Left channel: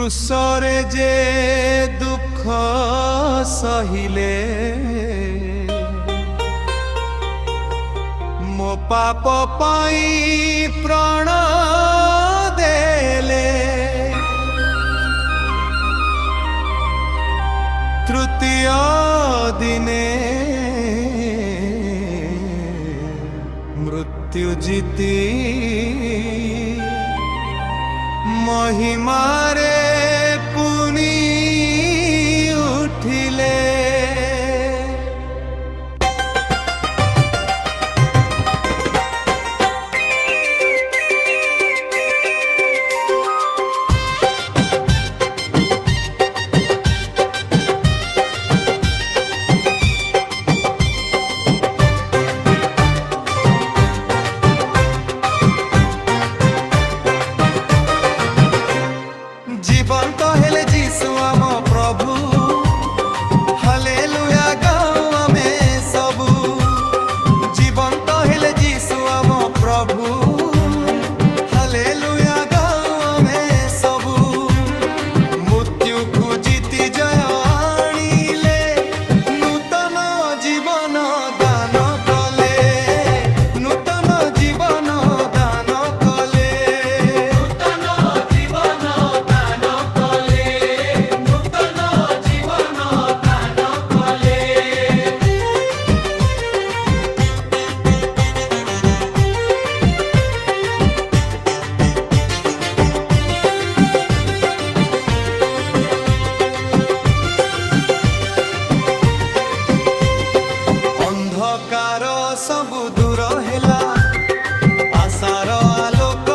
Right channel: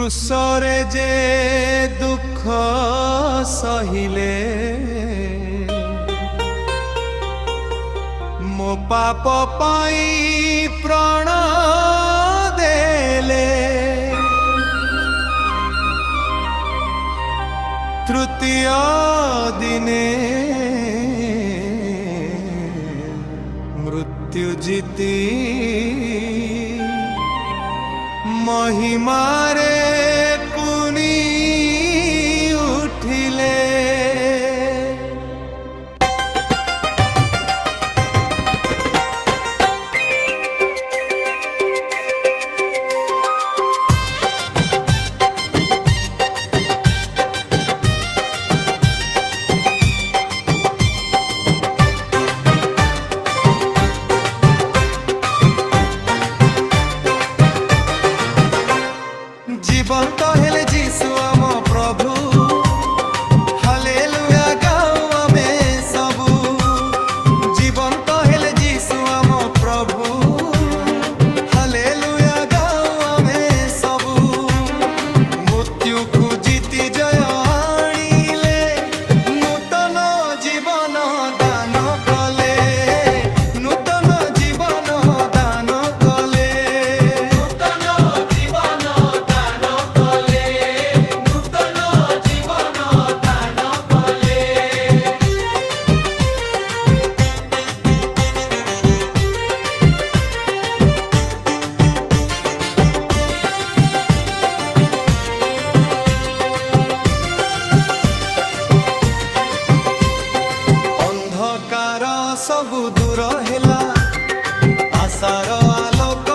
क्रूसरे जे दुख सहिले मो पाप पाई प्राण देले तृतीय दिने मृत्यु जीती महिमारे पुनि उठिले। जीवंत हेले जीसु आम प्रभु हालेलुया गाओ आमे सबु। जीवंत हेले जीसु आम प्रभु हालेलुया गाओ आमे सबु। मृत्यु को जीति जय आनिले नूतन जीवन दान कले नूतन जीवन दान कले। अंधकार सबु दूर हेला आशार आलोक